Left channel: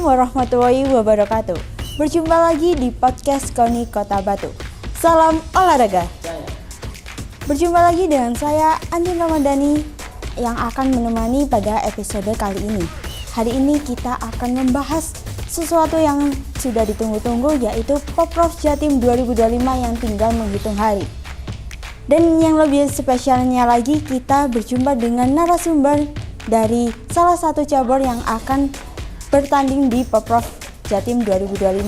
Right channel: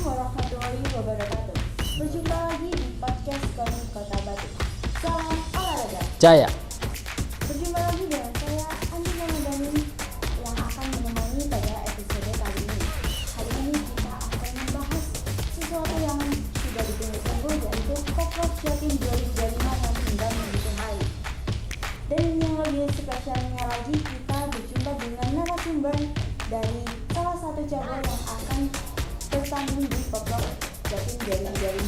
Assalamualaikum warahmatullahi wabarakatuh. Berjumpa lagi di podcast KONI Kota Batu. Salam olahraga Jaya. Berjumpa lagi dengan saya Andi Ramadhani yang akan menemani pada episode kali ini. Hari ini kita akan membahas sesuatu yang sudah ditunggu-tunggu, yaitu Poprov Jatim 2025 yang tinggal menghitung hari. Dan yang lebih spesialnya lagi, kita berjumpa dengan narasumber dari salah satu cabur yang akan bertanding di Poprov Jatim 2025,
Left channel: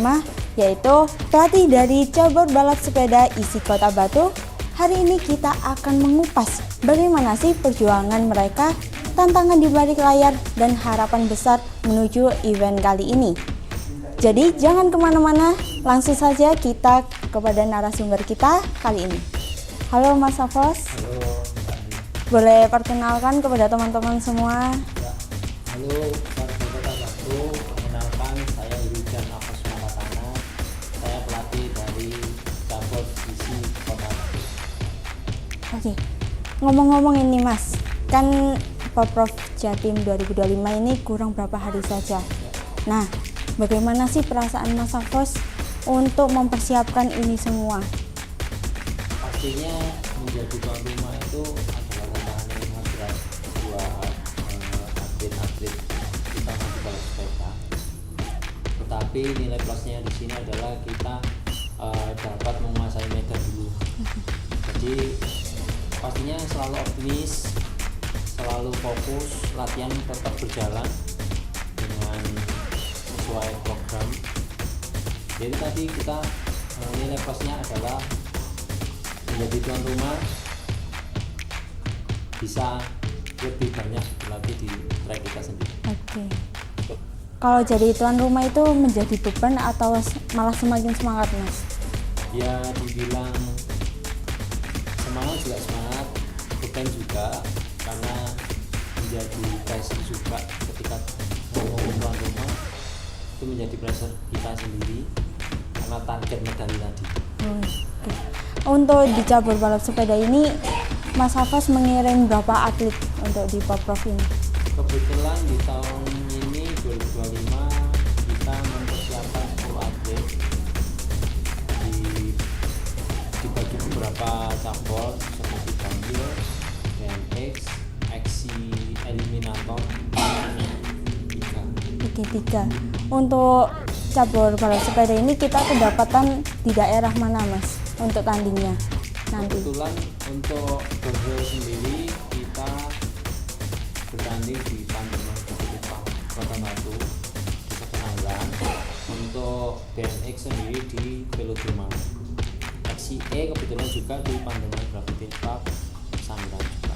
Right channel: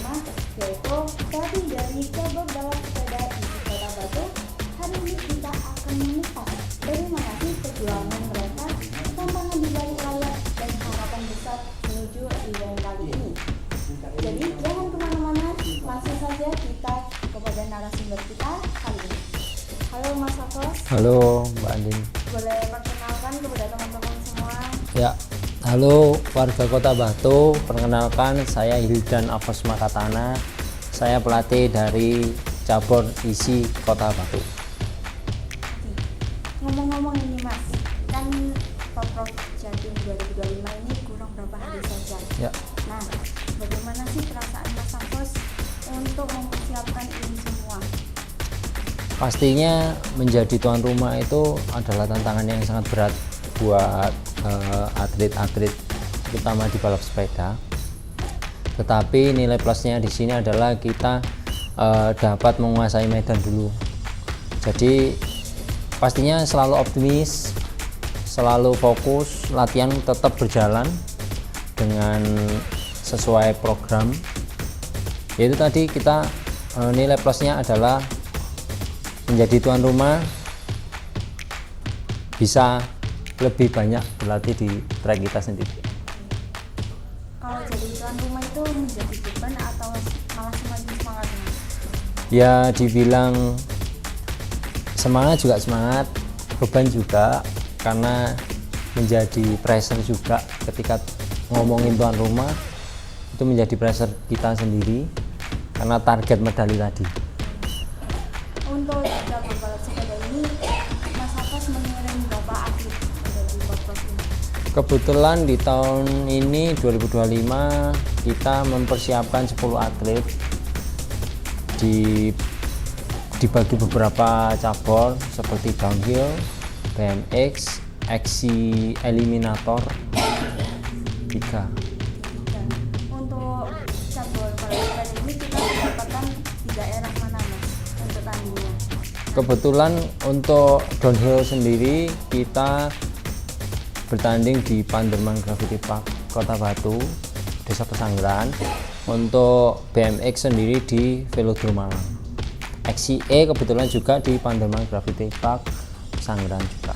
yaitu pelatih dari cabur balap sepeda isi Kota Batu. Hari ini kita akan mengupas bagaimana sih perjuangan mereka, tantangan di balik layar, dan harapan besar menuju event kali ini. Jadi jangan kemana-mana, langsung saja kita kepada narasumber kita kali ini. Halo Mas Hafos. Halo Mbak Andin. Boleh perkenalkan kepada teman-teman semua? Ya, halo warga Kota Batu. Perkenalkan, saya Hildan Afos Makatana. Saya pelatih dari cabur isi Kota Batu. Oke, ngomong-ngomong ini Mas, kan Poprov Jatim 2025 ini kurang berapa hari saja. Ya. Nah, bagaimana sih perasaan Mas Hafos untuk mempersiapkan ini semua? Pastinya menjadi tuan rumah itu adalah tantangan yang sangat berat buat atlet-atlet, terutama di balap sepeda. Tetapi nilai plusnya di sini adalah kita dapat menguasai medan dulu. Jadi pastinya selalu optimis, selalu fokus, latihan tetap berjalan dengan sesuai program. Itu tadi kita nilai plusnya adalah menjadi tuan rumah, bisa lebih banyak berlatih di trek kita sendiri. Oke. Kalau jadi tuan rumah itu menjadi beban atau malah semakin semangat Mas? Ya dibilang semangat juga semangat, beban juga, karena menjadi pressure juga ketika ngomongin tuan rumah, itu menjadi pressure kita sendiri karena target medali tadi. Untuk di cabur balap sepeda ini, Mas Hafos mengirim berapa atlet untuk di Poprov ini? Kebetulan di tahun ini 2025 kita mempersiapkan 10 atlet dibagi beberapa cabur seperti downhill, BMX, XC Eliminator 3. Untuk cabur balap sepeda ini kita kedapatan di daerah mana Mas untuk tandingnya? Kebetulan untuk downhill sendiri kita bertanding di Pandeman Gravity Park Kota Batu, Desa Pesanggeran. Untuk BMX sendiri di Velodrome Malang. XCE kebetulan juga di Pandeman Gravity Park Pesanggeran juga.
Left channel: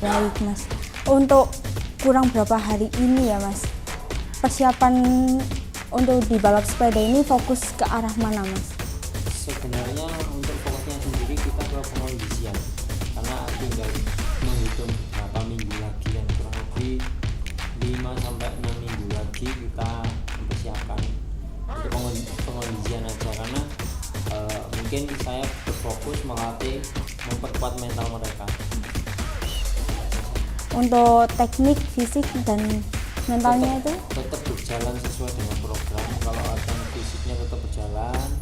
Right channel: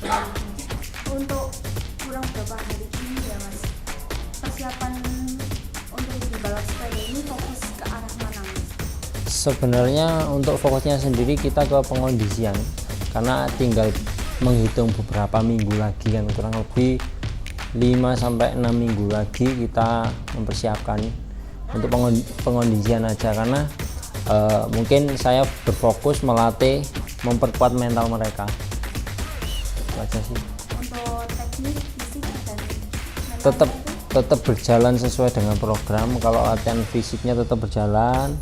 Baik Mas, untuk kurang berapa hari ini ya Mas, persiapan untuk di balap sepeda ini fokus ke arah mana Mas? Sebenarnya untuk fokusnya sendiri kita ke pengondisian, karena tinggal menghitung beberapa minggu lagi, kan kurang lebih 5-6 minggu lagi kita mempersiapkan untuk pengondisian aja, karena mungkin saya berfokus melatih memperkuat mental mereka aja sih. Untuk teknik, fisik, dan mentalnya tetap berjalan sesuai dengan program. Kalau latihan fisiknya tetap berjalan,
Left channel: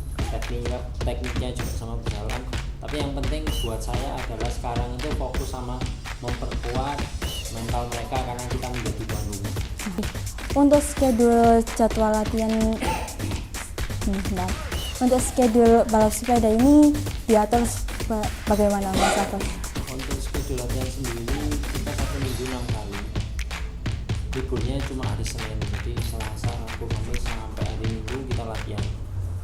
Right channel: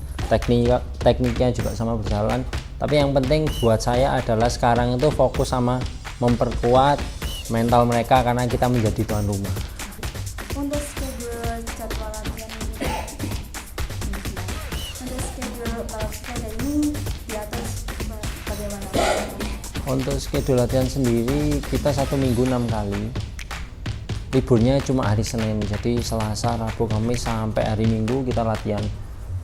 tekniknya juga sama berjalan, tapi yang penting buat saya adalah sekarang itu fokus sama memperkuat mental mereka karena kita menjadi tuan rumah. Untuk schedule jadwal latihan, untuk schedule balap sepeda ini diatur bagaimana Mas Hafos? Untuk schedule latihan sendiri kita 1 minggu 6 kali. Liburnya cuma hari Senin, jadi Selasa, Rabu, Kamis sampai hari Minggu kita latihan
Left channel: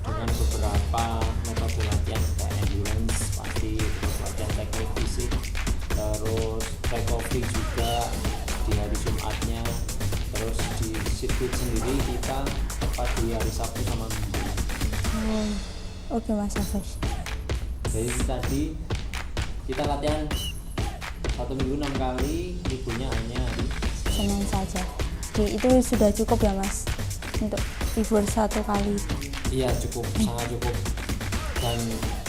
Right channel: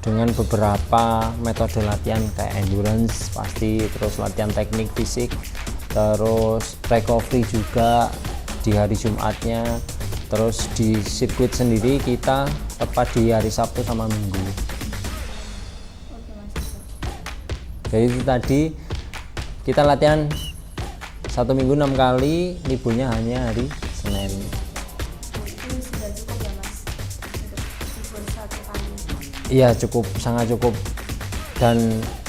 dengan beberapa metode latihan kayak endurance pasti, terus latihan teknik fisik, terus recovery juga di hari Jumatnya, terus di sirkuit sendiri kita tepat di hari Sabtu sama Minggu. Oke Mas Hafos. Jadi itu tadi kita latihan 1 minggu 6 kali, liburnya hanya hari Senin saja. Itu sudah cukup ya Mas untuk libur 1 kali? Iya, cukup, sangat cukup. Dan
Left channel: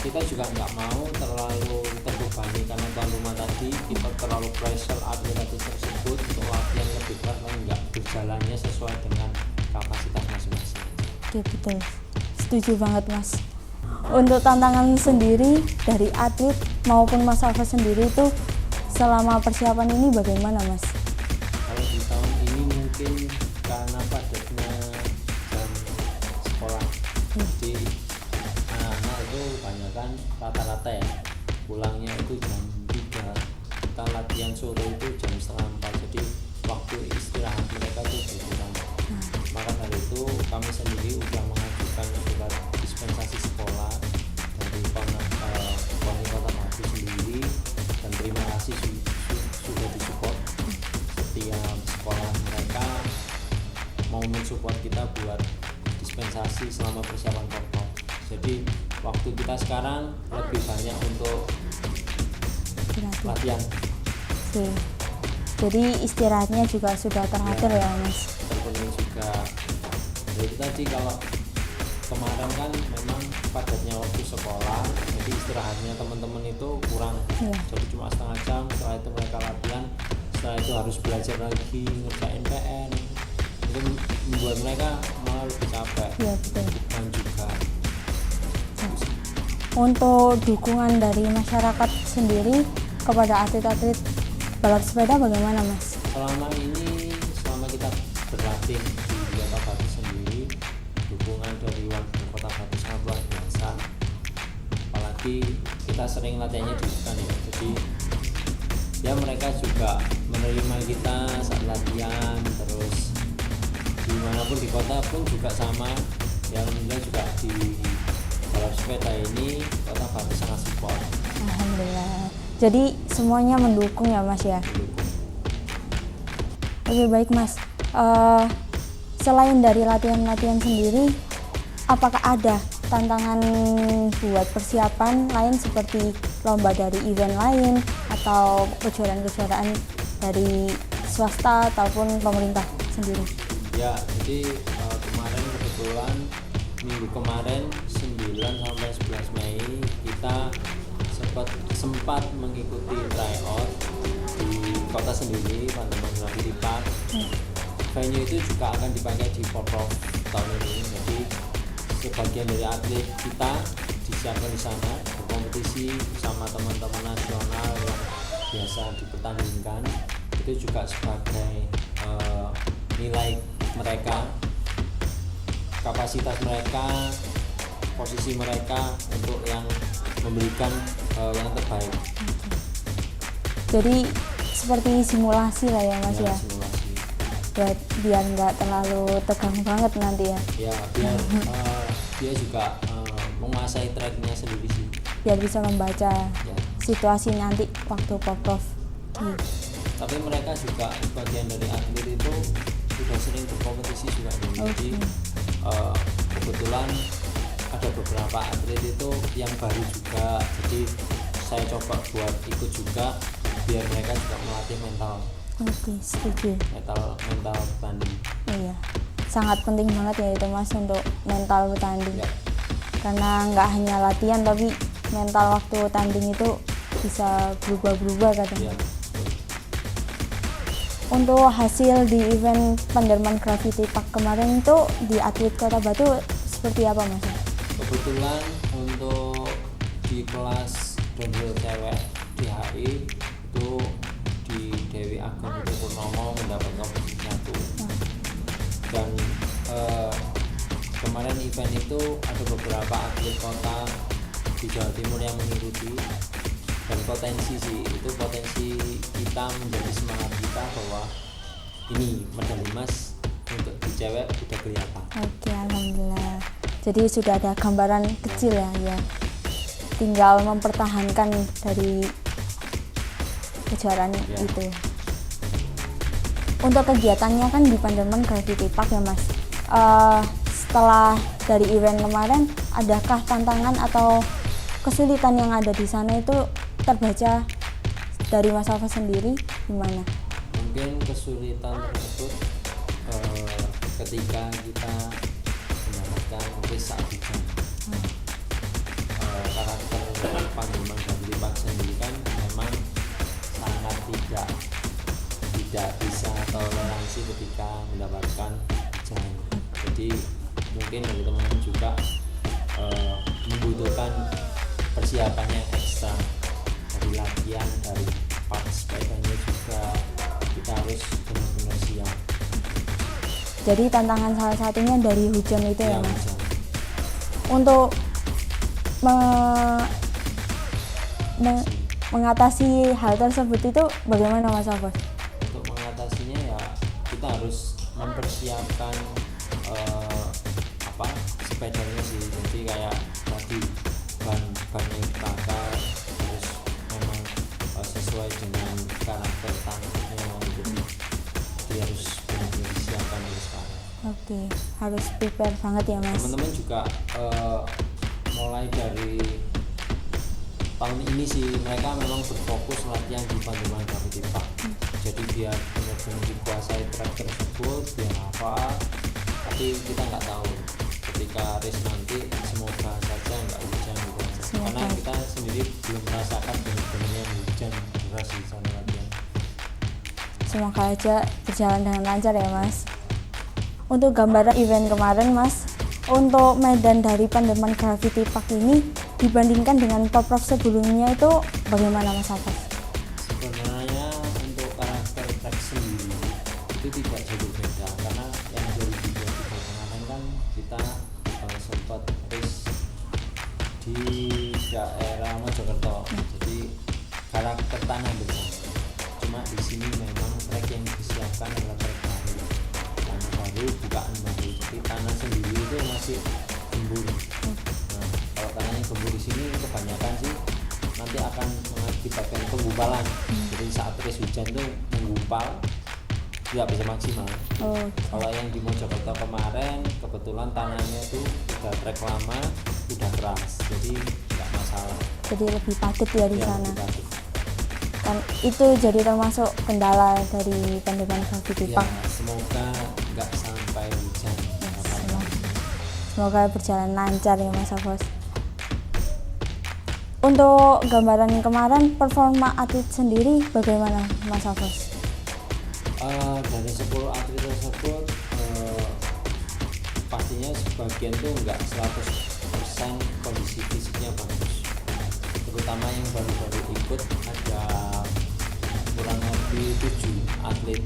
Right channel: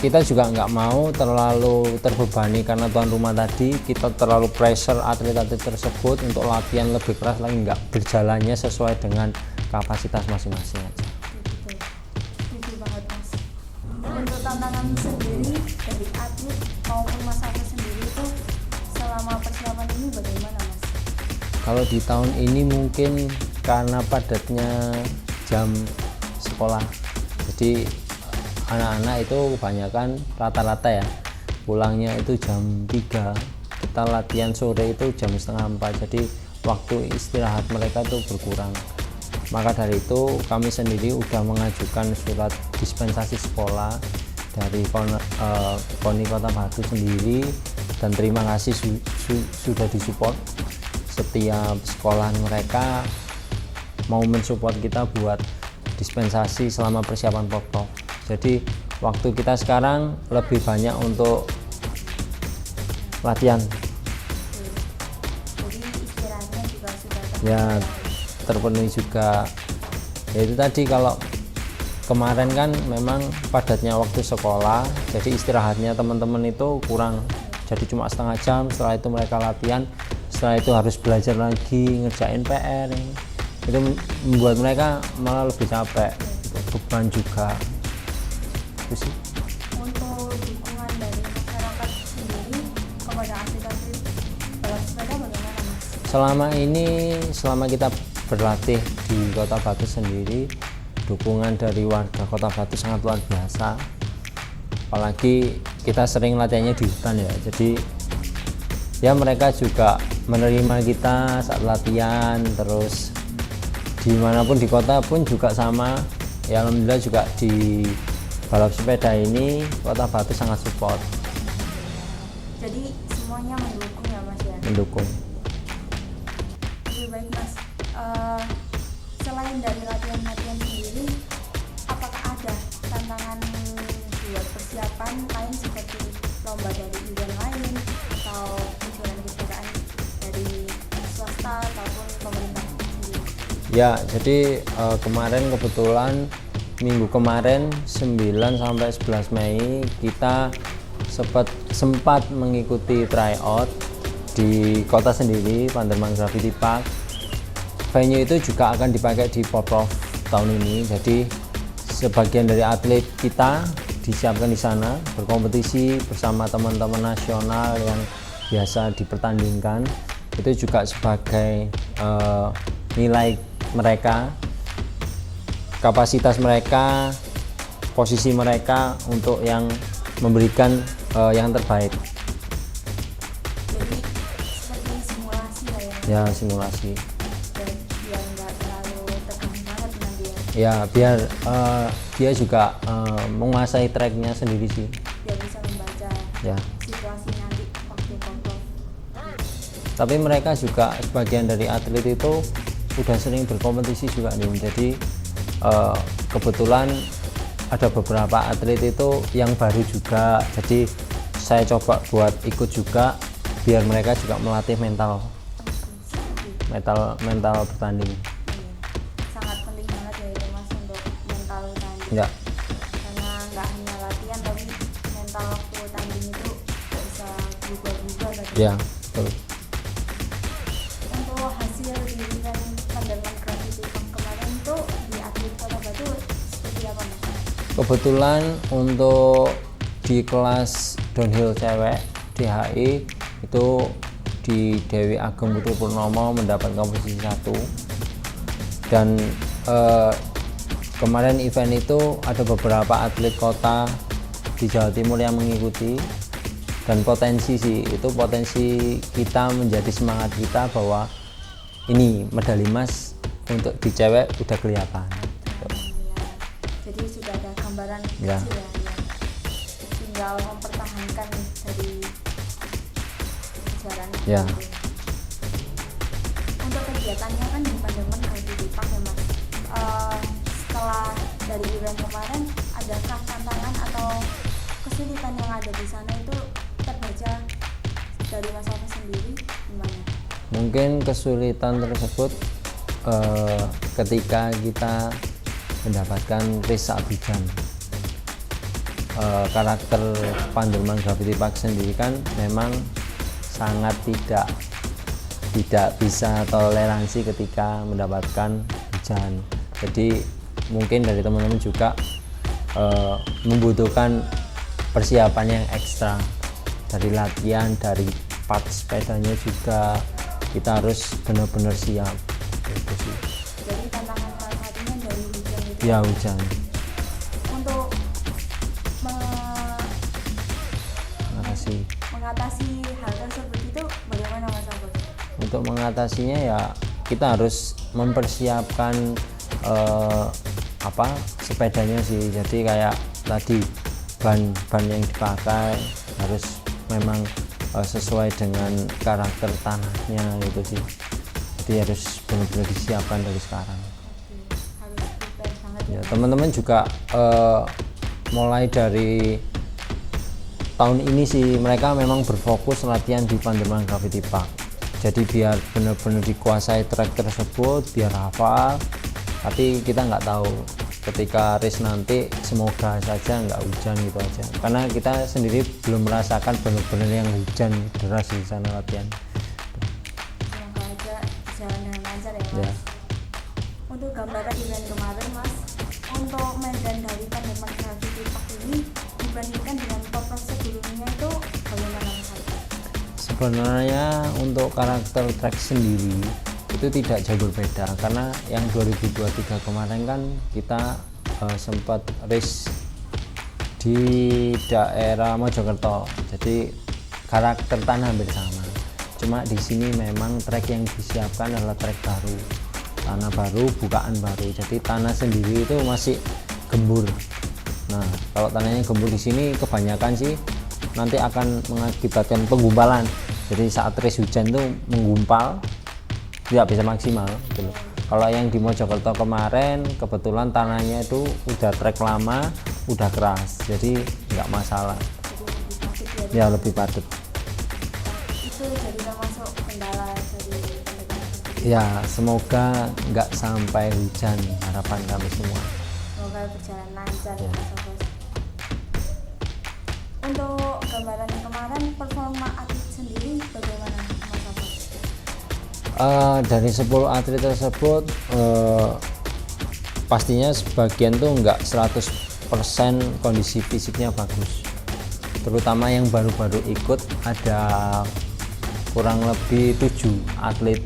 kita juga nggak mau terlalu terbebani karena tuan rumah tadi, kita terlalu pressure atlet-atlet tersebut untuk latihan lebih keras lagi, nggak berjalannya sesuai dengan kapasitas masing-masing aja. Oke, betul. Setuju banget Mas. Untuk tantangan sendiri dari atlet maupun Mas Alfa sendiri itu selama persiapan ini bagaimana Mas? Kalau di tahun ini mungkin karena padatnya jam sekolah, jadi anak-anak itu kebanyakan rata-rata ya pulangnya itu jam 3, kita latihan sore itu jam setengah 4, jadi waktu istirahat mereka tuh berkurang. Maka dari itu kami sendiri udah mengajukan surat dispensasi sekolah dari KONI Kota Batu sendiri, dan terima kasih sudah disupport. Setiap sekolah mereka mau mensupport kita buat dispensasi selama persiapan pokok. Jadi waktu kita sekarang lebih banyak untuk latihan. Oke. Jadi istirahatnya juga sudah teratur ya Mas? Terpenuhi juga. Ya itu tadi, kalau kemarin kan memang padatnya waktu sekolah, jadi istirahatnya teman-teman itu kurang, jadi cuma setengah jam. Setelah itu mereka latihan, setelah itu harus belajar lagi, ngerjain PR, itu membuat mereka malah lebih capek, beban juga. Untuk dukungan dari masyarakat sendiri kepada atlet-atlet balap sepeda bagaimana Mas? Selama ini, selama kita berlatih di Kota Batu sendiri, dukungan dari warga Kota Batu sangat luar biasa. Apalagi kita sering latihannya di hutan ya, jadi ya mereka juga menerima kita saat latihan. Terus dimanapun di kota pun juga sama ya, alhamdulillah juga di balap sepeda ini Kota Batu sangat support. Alhamdulillah. Jadi semuanya mendukung ya Mas ya? Mendukung. Oke, baik Mas. Selain dari latihan-latihan sendiri, apakah ada tantangan buat persiapan lain seperti lomba dari event lain atau kejuaraan-kejuaraan dari swasta ataupun pemerintah sendiri? Ya, jadi kemarin kebetulan minggu kemarin 9 sampai 11 Mei kita sempat mengikuti tryout di kota sendiri, Pandeman Gravity Park. Venue itu juga akan dipakai di Porprov tahun ini, jadi sebagian dari atlet kita disiapkan di sana berkompetisi bersama teman-teman nasional yang biasa dipertandingkan. Itu juga sebagai nilai mereka, kapasitas mereka, posisi mereka untuk yang memberikan yang terbaik. Jadi seperti simulasi lah ya Mas Ya, ya? simulasi. Biar nggak terlalu tegang banget nanti ya? Ya, biar dia juga menguasai tracknya sendiri sih. Biar bisa membaca Ya. situasi nanti waktu Porprov. Tapi mereka juga sebagian dari atlet itu udah sering berkompetisi juga nih. Jadi kebetulan ada beberapa atlet itu yang baru juga. Jadi saya coba buat ikut juga biar mereka juga melatih mental. Oke, setuju. Mental bertanding. Iya. Sangat penting banget ya itu Mas untuk mental bertanding. Ya. Karena nggak hanya latihan tapi mental waktu tanding itu bisa berubah-berubah kadang. Ya. Betul. Untuk hasil di event Panderman Gravity Park kemarin itu di atlet Kota Batu seperti apa Mas? Kebetulan untuk di kelas downhill cewek DHI itu di Dewi Ageng Putri Purnomo mendapatkan posisi 1. Dan kemarin event itu ada beberapa atlet kota di Jawa Timur yang mengikuti, dan potensi kita menjadi semangat kita bahwa ini medali emas untuk di cewek udah kelihatan. Oke, alhamdulillah. Jadi sudah ada gambaran kecil ya. Tinggal mempertahankan dari kejuaraannya gitu. Untuk kegiatannya kan di Pandeman Gravity Park ya Mas. Setelah dari event kemarin, adakah tantangan atau kesulitan yang ada di sana itu terbaca dari Mas Alfa sendiri gimana? Mungkin kesulitan tersebut ketika kita mendapatkan race Abidjan. Karakter Pandeman Gravity Park sendiri kan memang sangat tidak bisa toleransi ketika mendapatkan hujan. Jadi mungkin dari teman-teman juga membutuhkan persiapan yang ekstra dari latihan, dari part sepedanya juga kita harus benar-benar siap. Jadi tantangan salah satunya dari hujan itu Ya hujan. Untuk mengatasi hal tersebut itu bagaimana Mas Afos? Untuk mengatasinya ya kita harus mempersiapkan sepedanya sih. Jadi kayak tadi ban yang dipakai harus memang sesuai dengan karakter tanahnya itu sih. Jadi harus benar-benar disiapkan dari sekarang. Oke, harus prepare banget ya Mas. Teman-teman juga mulai dari tahun ini sih mereka memang berfokus latihan di Pandeman Gravity Park. Jadi biar benar-benar dikuasai trek tersebut, biar hafal. Tapi kita nggak tahu ketika race nanti, semoga saja nggak hujan gitu aja. Karena kita sendiri belum merasakan benar-benar yang hujan deras di sana latihan. Semoga aja berjalan dengan lancar ya Mas. Untuk gambaran event kemarin Mas, untuk medan dari Pandeman Gravity Park ini dibandingkan dengan pop-up sebelumnya itu bagaimana Mas Afos? Sebenarnya untuk karakter trek sendiri itu tidak jauh berbeda, karena yang 2023 kemarin kan kita sempat race di daerah Mojokerto, jadi karakter tanah hampir sama. Cuma di sini memang trek yang disiapkan adalah trek baru, tanah baru, bukaan baru. Jadi tanah sendiri itu masih gembur. Nah, kalau tanahnya gembur di sini kebanyakan sih nanti akan mengakibatkan penggumpalan. Jadi saat race hujan itu menggumpal, tidak bisa maksimal. Kalau yang di Mojokerto kemarin kebetulan tanahnya itu udah trek lama, udah keras, jadi nggak masalah. Jadi lebih padat ya di Ya sana. lebih padat. Dan itu jadi termasuk kendala dari Pandeman Gravity Ya Park. semoga nggak sampai hujan, harapan kami semua. Semoga berjalan lancar ya Mas Afos. Untuk gambaran kemarin performa atlet sendiri bagaimana Mas Afos? Dari 10 atlet tersebut pastinya sebagian tuh nggak 100% kondisi fisiknya bagus, terutama yang baru-baru ikut. Ada kurang lebih 7 atlet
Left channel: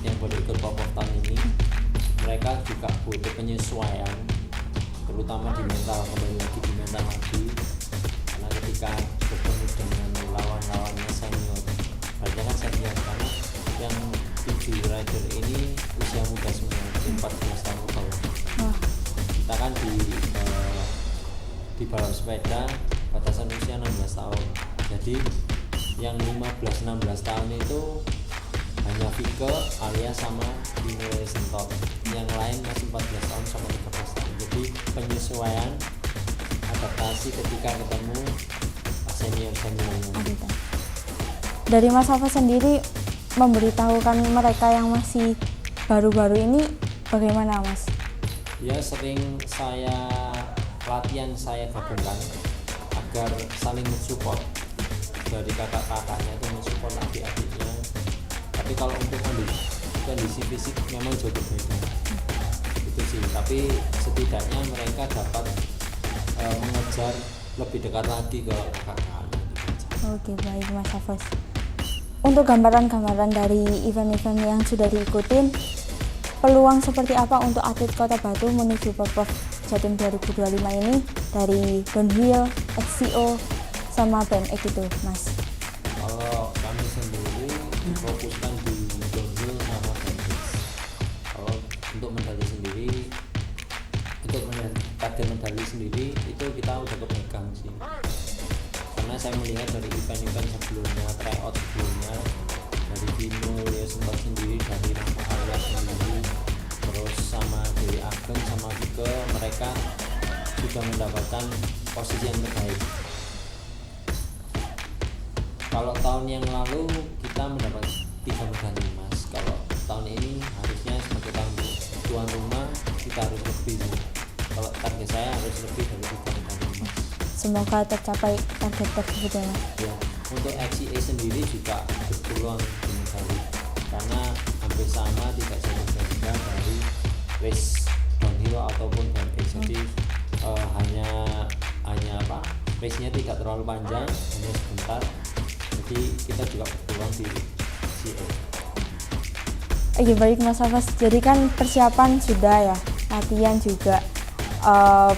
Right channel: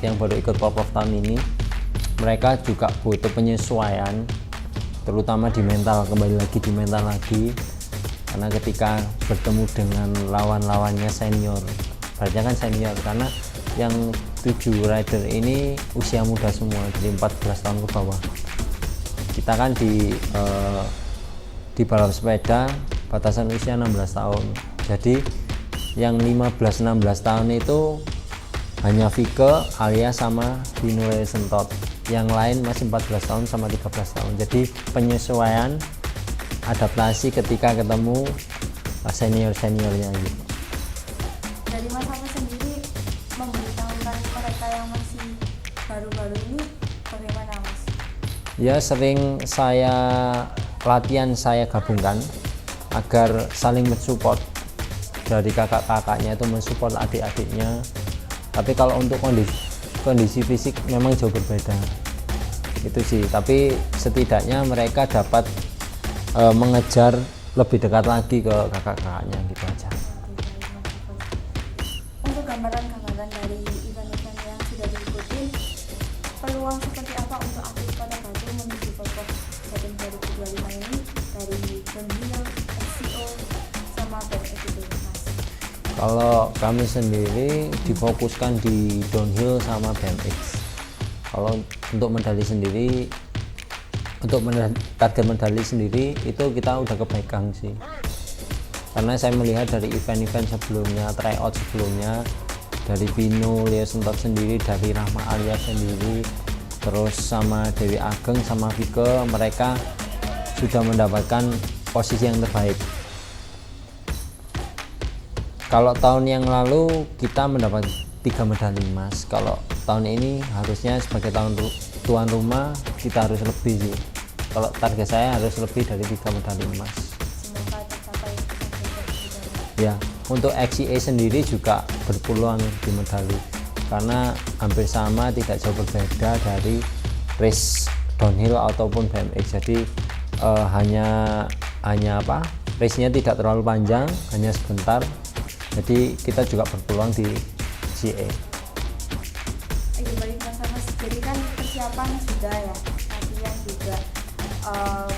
yang baru ikut pop-up tahun ini. Mereka juga butuh penyesuaian, terutama di mental, kembali lagi di mental lagi, karena ketika bertemu dengan lawan-lawannya senior, berarti kan senior, karena yang 7 rider ini usia muda semua, dari 14 tahun ke bawah. Kita kan di balap sepeda batasan usia 16 tahun, jadi yang 15-16 tahun itu hanya Vike, Alia sama Dino Sentot, yang lain masih 14 tahun sama 13 tahun. Jadi penyesuaian, adaptasi ketika ketemu senior-seniornya. Dari Mas Afos sendiri memberitahukan mereka yang masih baru-baru ini bagaimana Mas? Ya sering latihan saya gabungkan agar saling mensupport, dari kakak-kakaknya itu mensupport adik-adiknya. Tapi kalau untuk kondisi fisik memang jauh berbeda itu sih, tapi setidaknya mereka dapat mengejar lebih dekat lagi ke kakak-kakaknya gitu aja. Oke, baik Mas Afos. Untuk gambaran-gambaran dari event-event yang sudah diikutin, peluang seperti apa untuk atlet Kota Batu menuju pop-up Jatim 2025 ini dari downhill, XCO, sama BMX itu Mas? Kalau kami sendiri difokuskan di downhill sama BMX. Kalau untuk medali sendiri, untuk target medali sendiri itu kita udah kepegang sih, karena saya melihat dari event-event sebelumnya, tryout sebelumnya, dari Vino, Leo Sentot sendiri, dari Rahma Alia sendiri, terus sama Dewi Ageng sama Vike, mereka sudah mendapatkan posisi yang terbaik. Kalau tahun yang lalu kita mendapat 3 medali emas, kalau tahun ini harusnya sebagai tahun tuan rumah kita harus lebih sih. Kalau target saya harus lebih dari 3 medali emas. Semoga tercapai target tersebut ya Mas. Ya, untuk XCA sendiri juga berpeluang di medali, karena hampir sama, tidak jauh berbeda dari race downhill ataupun BMX. Jadi hanya apa, race-nya tidak terlalu panjang, hanya sebentar. Jadi kita juga berpeluang di CA. Iya baik Mas Hafaz, jadi kan persiapan sudah ya, latihan juga,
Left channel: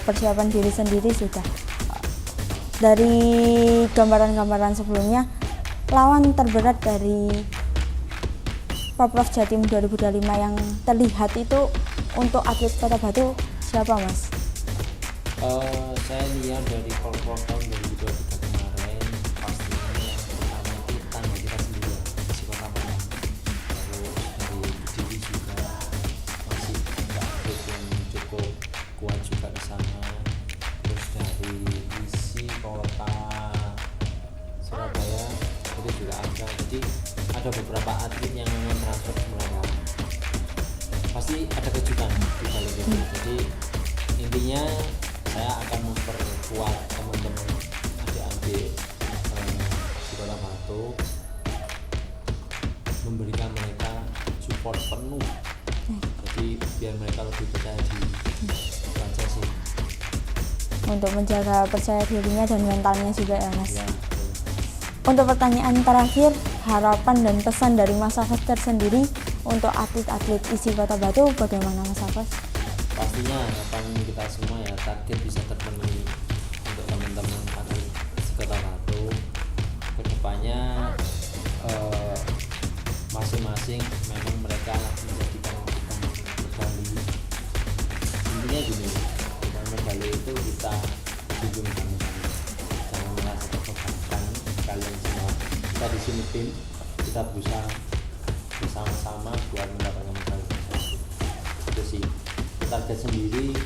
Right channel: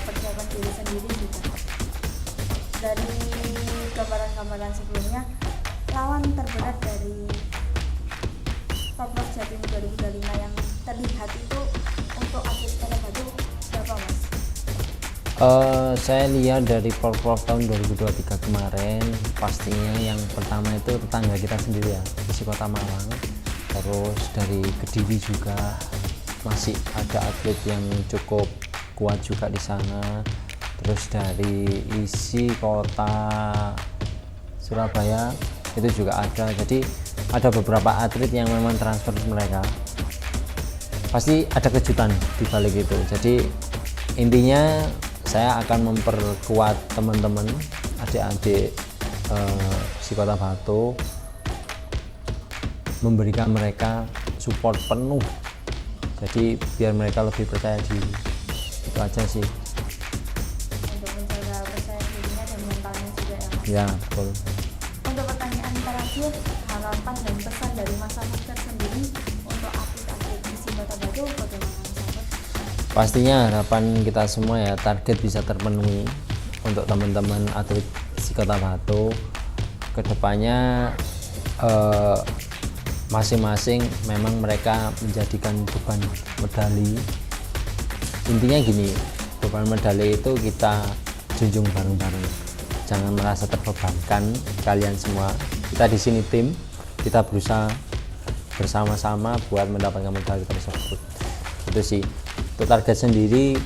persiapan diri sendiri sudah. Dari gambaran-gambaran sebelumnya, lawan terberat dari Porprov Jatim 2025 yang terlihat itu untuk atlet Kota Batu siapa Mas? Saya lihat dari Porprov tahun 2023 kemarin, pastinya yang pertama itu tetangga kita sendiri ya, di Kota Malang. Terus dari Kediri juga masih ada atlet yang cukup kuat juga di sana. Terus dari isi kota Surabaya itu juga ada. Jadi ada beberapa atlet yang memang transfer mereka. Pasti ada kejutan di balik itu. Jadi intinya saya akan memperkuat teman-teman adik-adik si Kota Batu, memberikan mereka support penuh, jadi biar mereka lebih percaya diri. Itu aja sih, Untuk menjaga percaya dirinya dan mentalnya juga ya Mas. ya betul. Untuk pertanyaan terakhir, harapan dan pesan dari Mas Hafaz tersendiri untuk atlet-atlet isi Kota Batu bagaimana Mas Hafaz? Pastinya harapan kita semua ya, target bisa terpenuhi untuk teman-teman atlet isi Kota Batu. Kedepannya masing-masing memang mereka menjadikan beban medali. Intinya gini, beban medali itu kita junjung bareng-bareng, jangan merasa terbebankan. Kalian semua, kita di sini tim, kita berusaha bersama-sama buat mendapatkan medali tersebut. Itu sih, untuk target sendiri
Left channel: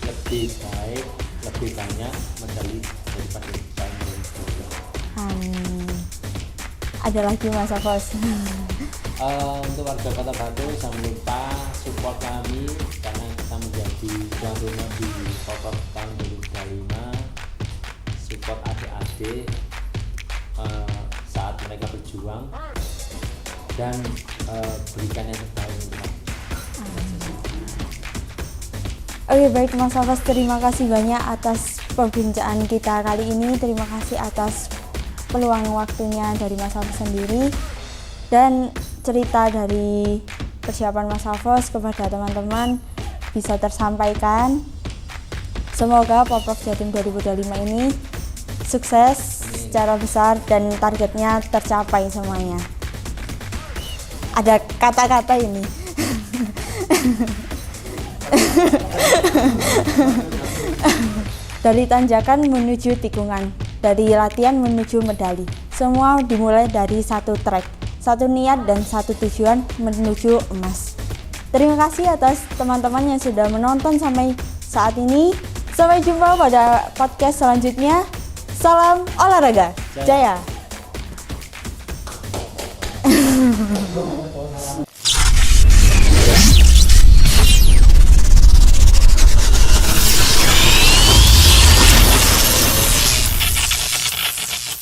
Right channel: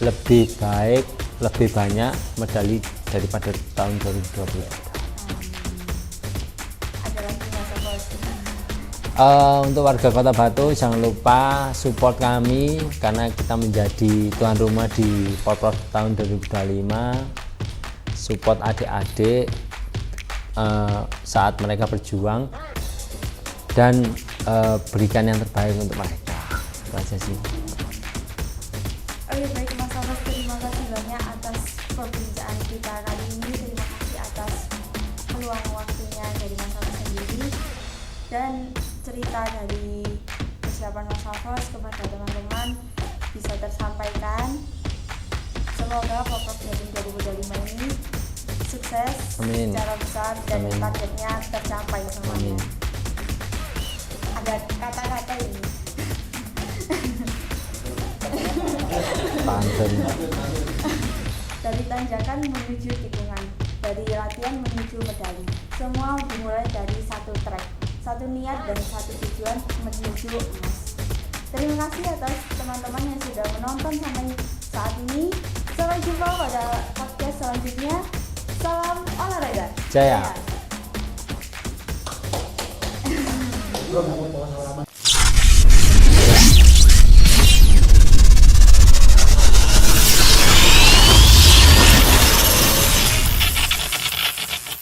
lebih baik, lebih banyak medali daripada tahun 2020. Ada lagi Mas Hafaz? Untuk warga Kota Batu jangan lupa support kami karena kita menjadi tuan rumah di Porprov tahun 2025. Support adik-adik saat mereka berjuang dan berikan yang terbaik untuk mereka. Itu aja sih. Oke baik Mas Hafaz, terima kasih banyak atas perbincangan kita kali ini. Terima kasih atas peluang waktunya dari Mas Hafaz sendiri dan cerita dari persiapan Mas Hafaz kepada teman-teman bisa tersampaikan. Semoga Porprov Jatim 2025 ini sukses. Amin. Secara besar dan targetnya tercapai semuanya. Ada kata-kata ini. Dari tanjakan menuju tikungan, dari latihan menuju medali, semua dimulai dari satu track, satu niat dan satu tujuan menuju emas. Terima kasih atas teman-teman yang sudah menonton sampai saat ini. Sampai jumpa pada podcast selanjutnya. Salam olahraga. Jaya. Jaya.